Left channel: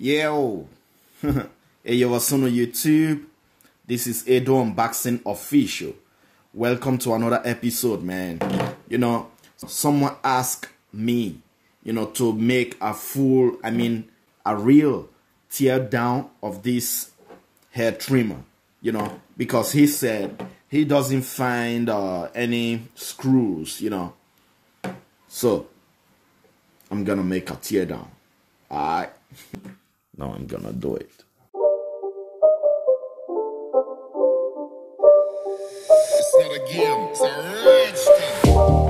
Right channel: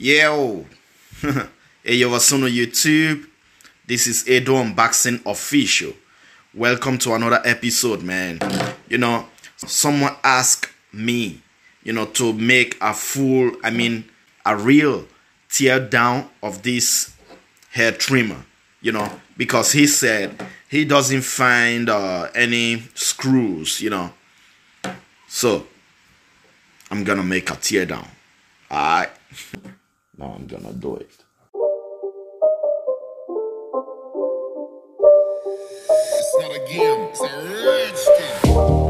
Yo, hey yo, what's on YouTube? This is Audoc Unboxing Official. Welcome to another episode, man. Someone asked me, to make a real tear down of this hair trimmer, because he said he doesn't find any screws, So, I'm gonna make a tear down. Alright. Now I'm gonna do it. It's not a game, it's a rich thing.